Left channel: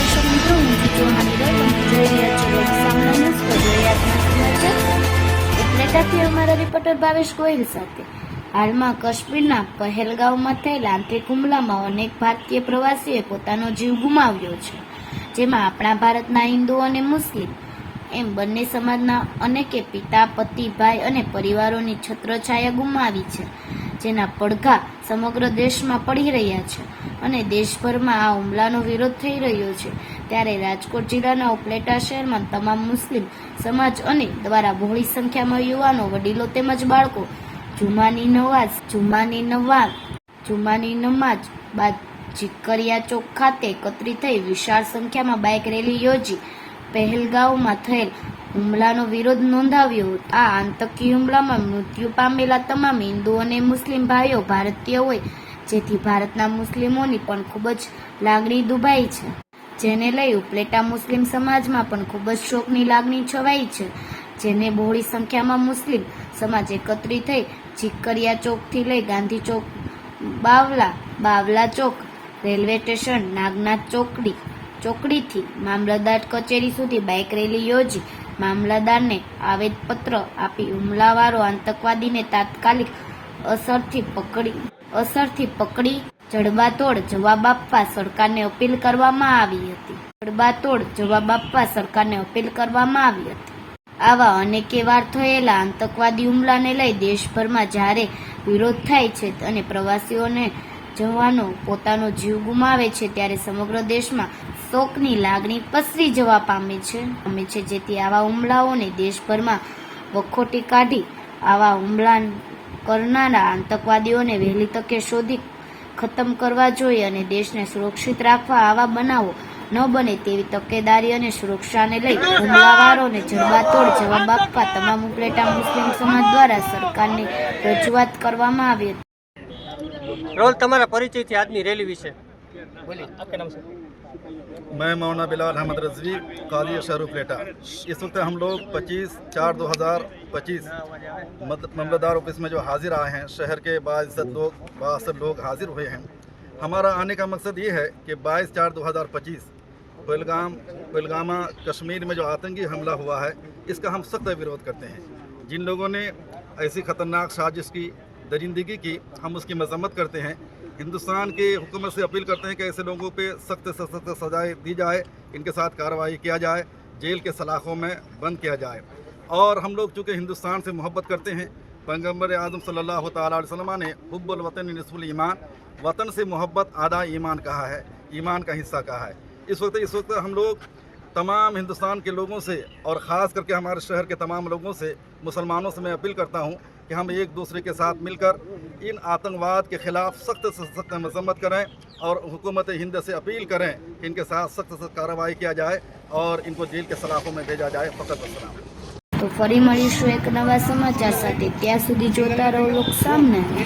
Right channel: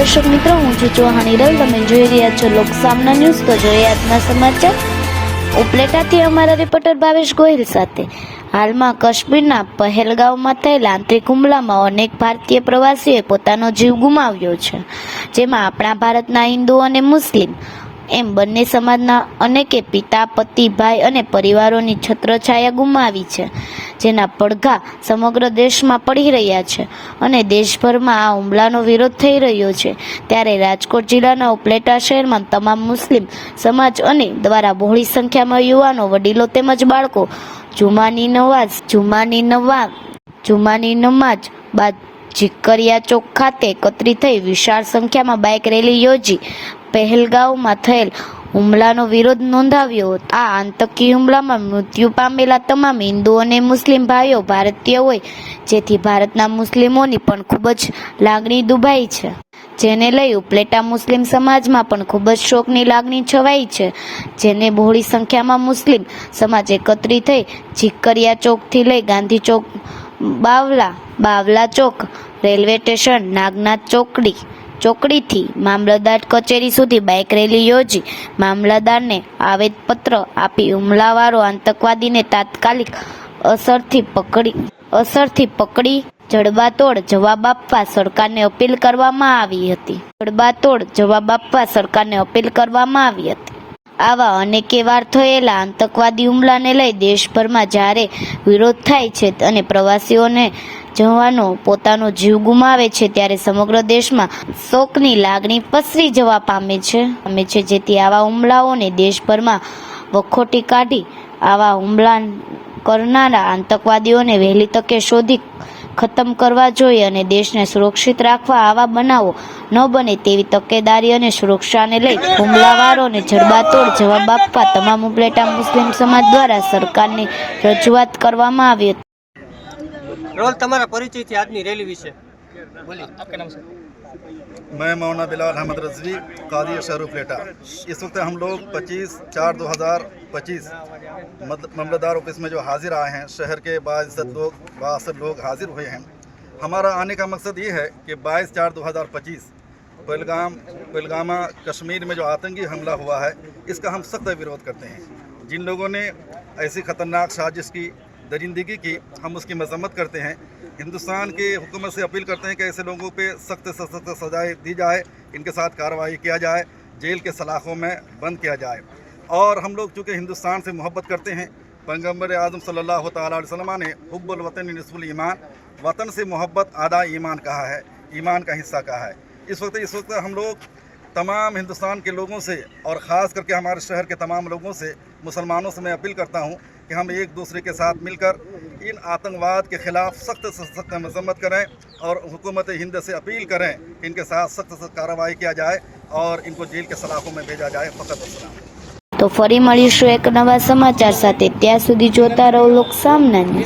દર્શક મિત્રો, હું છું ચૌહાણી તમે જોઈ રહ્યા છો લોકસામના ન્યૂઝ. તો જોઈએ સમાચાર. ઉપલેટાથી અમારા રિપોર્ટર ભાવેશ ગોહિલ સાથે. હાલમાં કાશ્મીરના પહેલગાંવમાં થયેલા આંતરિક હુમલામાં અનેક ભારતીય પ્રવાસીઓએ પોતાનો જીવ ગુમાવ્યો છે, જેમાં આપણા ભારતના હિન્દુ અને મુસ્લિમ, એમ બંને સમાજના અનેકે પિતા, પતિ, ભાઈ અને પરિવારોની છત્રછાયા ગુમાવી છે. જેના પડઘા સમગ્ર દેશમાં પડી રહ્યા છે અને દેશભરમાં આ હુમલાનો વિરોધ થઈ રહ્યો છે. ત્યારે રાજકોટ જિલ્લાના ઉપલેટા શહેરમાં તમામ મુસ્લિમ સમાજ અને દ્વારા બહોળી સંખ્યામાં યુવાનો, વડીલો તેમજ બાળકો, જુમાની નવાઝ, જુમાની નવા જુમાની નમાજ બાદ જીકરિયા ચોક ખાતે એકત્રિત થઈ વિશાળ સંખ્યામાં બાઇક રેલી યોજી. પહેલગાંવમાં થયેલ હુમલાનો વિરોધ નોંધાવ્યો આ આતંકી હુમલામાં મૃત્યુ પામેલા તમામ હિન્દુ અને મુસ્લિમ ભાઈઓ ભારતીય હોય, જેથી ભારતના મુસ્લિમોની પણ ખૂબ જ લાગણી દુભાઈ છે. જેને લઈ ઉપલેટા મુસ્લિમ સમાજમાં પણ ખૂબ જ શોકની લાગણી છવાઈ છે. જેને બહોળી સંખ્યામાં મુસ્લિમ સમાજ એકત્રિત થઈ જીકરિયા ચોકથી લઈ ગાંધી ચોક, બાવલા બાવલા ચોક, રેલવે સ્ટેશન, નાગનાથ ચોકડી ચોકડીથી મામલતદાર કચેરી સુધી બાઇક રેલી યોજી મામલતદારને આવેદપત્ર આપી હુમલાવાળો આતંકવાદીને તાત્કાલિક અસરથી પકડી અસરથી પકડી જડબાતોડ જવાબ આપવા સરકારને અપીલ કરવામાં આવી હતી. જડબાતોડ જવાબ આપવા સરકારને અપીલ કરવામાં આવી હતી. આવા અનેકે વાર થયેલા આતંકવાદી હુમલાને લઈ દેશભરમાં જ્યારે વિરોધ થાય છે અને પ્રવાસીઓને જવાનો પોતાનો જીવ ગુમાવે છે ત્યારે સમગ્ર દેશમાં શોકની લાગણી પસરી જવા પામે છે. પામે છે જેથી આવા હુમલાઓને દેશભરમાં વખોટી કાઢી આવા હુમલા કરનારા આતંકવાદીઓને વહેલી તકે શોધી ખતમ કરવા જોઈએ અને દેશને સુરક્ષિત રાખવા આવા બનાવો ન બને તેવી તકેદારી અને સુરક્ષાને લઈ હુમલાવારોને જડબાતોડ જવાબ આપવા તમામ ઉપલેટા મુસ્લિમ સમાજ દ્વારા સરકારની રજૂઆત કરવામાં આવી હતી. રોલ તમારા પરિચયથી આજની રેલી વિશે मैं मौना बिलाल अहमद रजवी कादी शहर प्लेटा इस वक्त हम लोग 25 चार 2025 मद- मामलतदार ऑफिस में जो हाजिर आए हैं शहर के बाइज्जत लोग बासर लोग हाजिर हुए हैं हमारा आने का मकसद ये है कि 22 चार 2025 पहलगाम पहलगामा कश्मीर में जो आतंकी हमला हुआ है इसका हम सख्त विरोध करते हैं जिन लोगों ने ऐसी ख़तरनाक साजिश की दरिंदगी की हम उसकी मजम्मत करते हैं। हिंदुस्तान की हुकूमत से अपील करते हैं कि ऐसे लोगों पे सख्त से सख्त सजाएँ दी जाए, इनके साथ कार्रवाई किया जाए, जेल के सलाखों में बंद किया जाए। और हम लोग चूँकि हिंदुस्तान से मोहब्बत करते हैं पैगंबर आज़म अलैहि वसल्लम ने हुब्बुल वतन नस्फुल ईमान, वतन से मोहब्बत आधा ईमान कहा है, ईमान का हिस्सा कहा है। इस वक्त इस वक्त हम लोग तमाम हिंदुस्तान के लोगों से और ख़ास करके हमारे शहर के तमाम लोगों से मुसलमानों से मैं अपील करता हूँ कि हम एक दूसरे के साथ मिलकर इन आतंकवाद के ख़िलाफ़ सख्त से सख्त मजम्मत करें और हुकूमत हिंद से अपील करें कि इनके साथ सख्त से कार्रवाई किया जाए और इनको जेल के सलाखों में भेजा जाए फ़कत वसलाम તો ફરી મળીશું એક નવા સમાચાર સાથે ત્યાં સુધી જોતા રહો લોક સામના ન્યૂઝ